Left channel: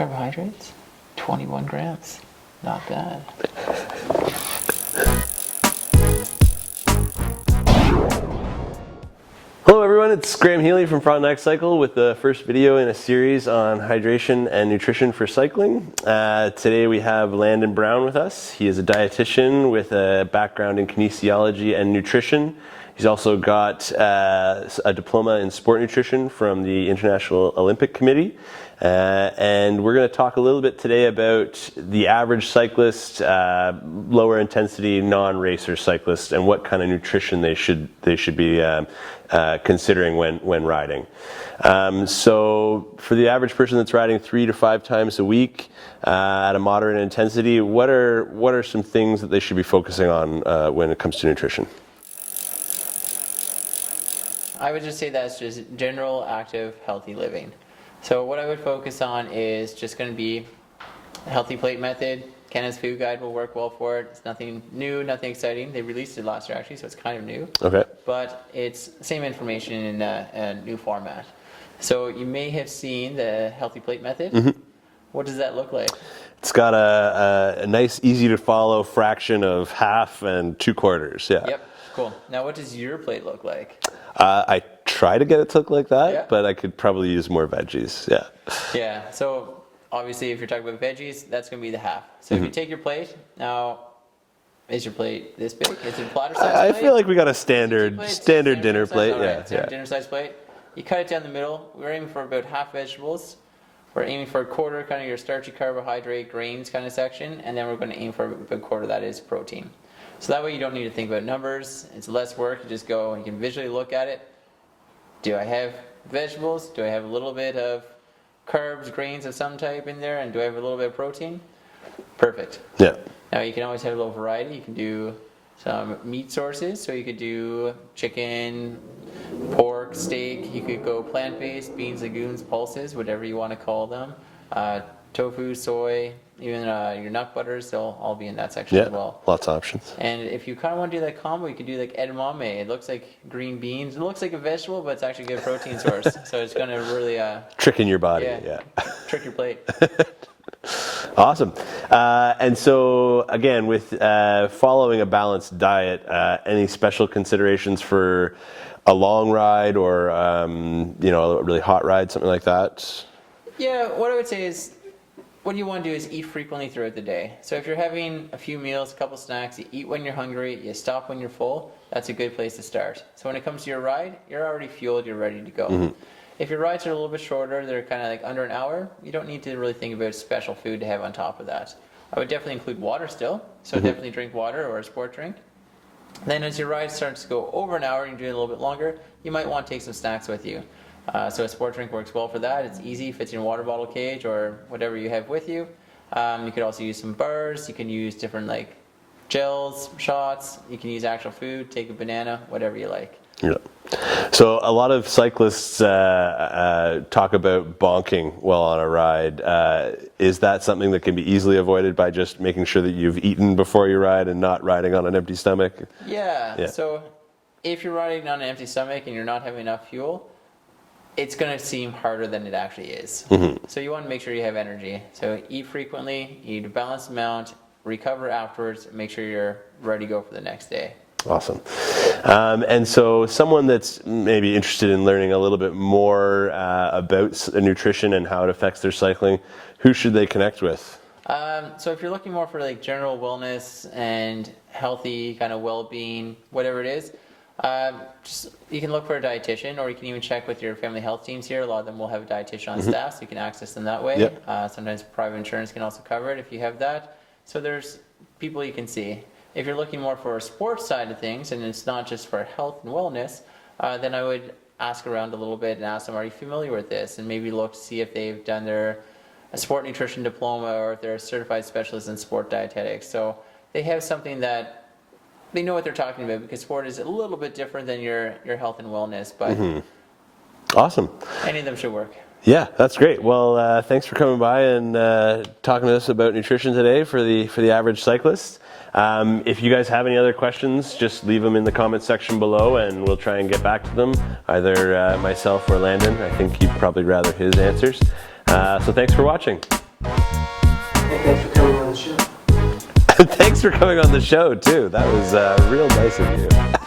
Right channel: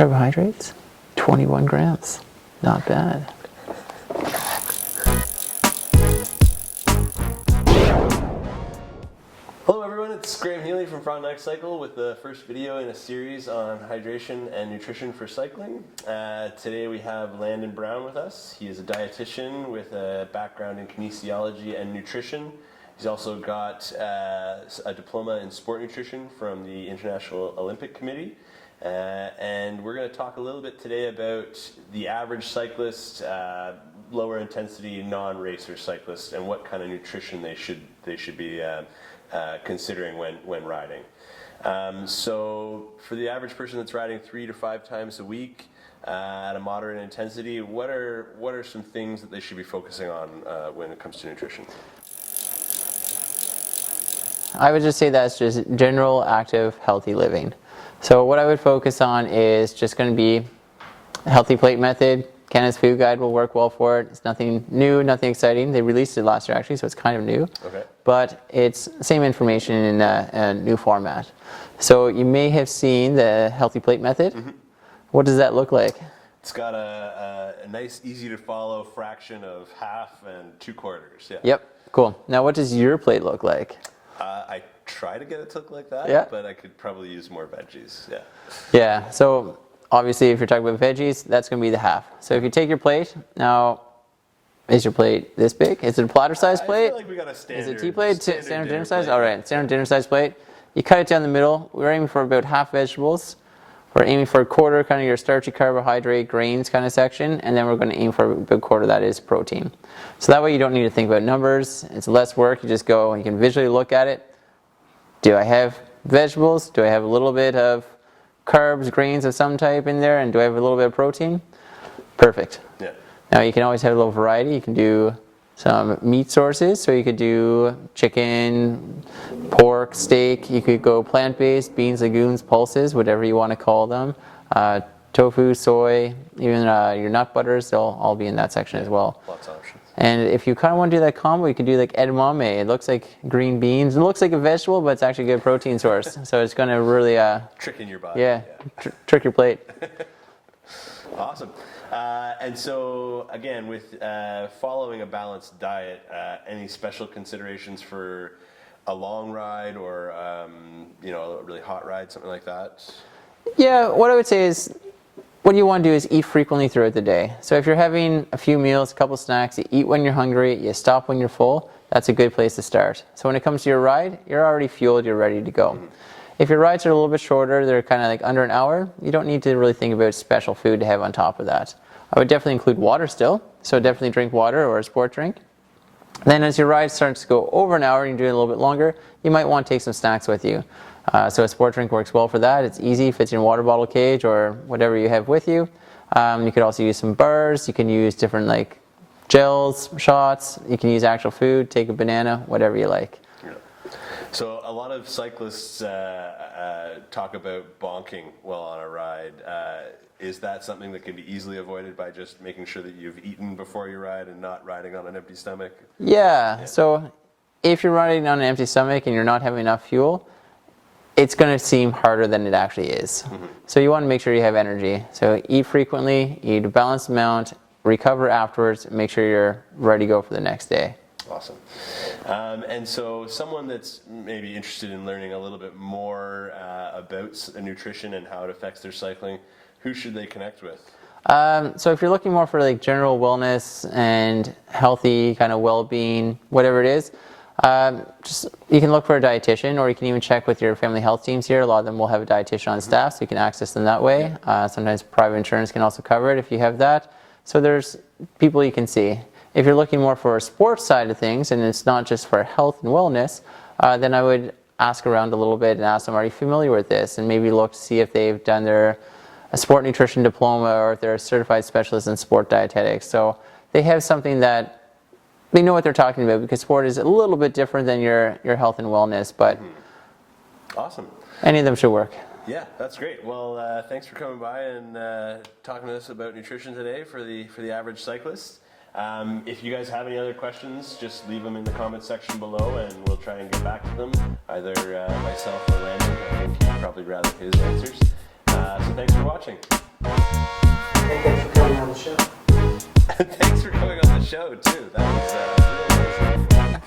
Carbohydrates, 21 grams. Not bad. Hello everyone, it's Graeme Healy from Frontenac Cycle with the first video in a series on hydration and nutrition for cycling. Today we have Landon Brown with us. He is a dietitian with a background in kinesiology and nutrition. He's also got a diploma in sport nutrition from the International Olympic Committee. And we're going to talk a little bit today about the average cyclist, lower intensity non-racer cyclist, and what kind of nutrition they should be considering when riding. So for the average person that's riding 3 to 5 times a week at a moderate intensity, what are some things that they should be focusing on when it comes to nutrition? I would just say that's just general, active, healthy living. So what I would focus on is just going to be a healthy plate method. Canada's food guide will work well for it. It's nothing new, nothing exciting. They released it last year actually, so it's kind of new. Okay. But it's the same information in a new format. So you may have seen the healthy plate method. Mm-hmm. What does that look like? It's got a nice, easy to follow fraction of half and 2/4. Yeah. Yep. Cool. Now what does your plate look like? I try to get it to look like that, but I could probably use more veggies. Yeah. Yeah. So obviously, if you're talking about veggies, that's going to be the half. So if you take your plate, now, is your plate this big? Is it a platter size plate? I feel like we got a standard dinner plate. All right, standard dinner size plate. You cut it down the middle. We're aiming for about half vegetables. We're aiming for a quarter, kind of your starchy carbohydrate, grains kind of section, and then we're going to aim for a big quarter that is protein. So that way you don't need to think about numbers. It's less work. You just go and you can visually look at it. Do I have vegetables? Do I have a little bit of carbs, grains of some type in there? And do I have a little bit of protein? Perfect. Yeah. Now you can always have a little variety. You can do some meat sources. So you could do chicken, pork, steak. You could go plant-based, beans, legumes, pulses, whatever you want to call them. Tofu, soy, even your nut butters, they'll all be in that section as well. Lots of options. And if you kind of want to do that combo, you could do like edamame. It looks like green beans. It looks like a vegetable, but it's actually a good protein source. So it's going to really trick in your body. Trick your plate. Awesome. And so again, with following a balanced diet, any special considerations for a long ride or a really hot ride, something like that? Yeah, what I would say is, what you want to do is eat frequently throughout the day. So if you're having a few meals, a couple snacks, you eat when you're hungry, you stop when you're full, that's a good place to start. So when it comes to your ride, you're already fueled, you're ready to go. Mm-hmm. If your rides are a little bit shorter, they're kind of like under an hour, you don't need to really think about special food to have on top of that. I would definitely include water still, so definitely drink water or a sport drink. Then as your ride starts to go over an hour and you're doing it a little bit longer, you might want to take some snacks with you. So a sport drink works well for that. It's easy, fits in a water bottle cage or whatever you have with you. You could also use some bars. You can use different like gels, shots. You can use actual food, take a banana, whatever you like. Yeah. So a lot of cyclists talk about bonking while on a ride. Is that something that can be easily avoided by just making sure that you've eaten before you ride and not riding on an empty stomach? Yeah. So if you're riding on an empty stomach and you're not having enough fuel, it's going to seem harder than it actually is. Mm-hmm. So you want to make sure you have energy. So eat frequently, eat a balanced amount, recover afterwards, and make sure you're ready to go for the next day. Awesome. And so someone that's maybe interested in learning a little bit more about nutrition and how it affects their cycling, who should they connect with? So if you're looking more for like general wellness and healthy kind of well-being, whatever it is, you can look for a dietitian, or you can even check with your family health teams here. A lot of them will have a dietitian on staff, so you can access them that way. Yep. Sometimes private insurance can also cover it if you have that. So there's people you can see. If you're looking more for a sports side of things, and it's not just for health and wellness, then I would ask around a little bit and ask them, are you familiar with this? And maybe look to see if they've done a sport nutrition diploma, or if they're a certified specialist in sport dietetics. So they have something that they know what they're talking about, because sport is a little bit different than your health and wellness, but awesome. Any of them should work. Yeah, that's great. Well, thanks for coming by and talking to us about nutrition today for the average cyclist. If you guys have any other questions, just leave them in the comment section below and we'll try and get back to them, either myself or Landon. I think you'd probably rather his answers. So thanks for watching. Thanks for coming on the show. Thanks for coming on the show too. That was real nice of you.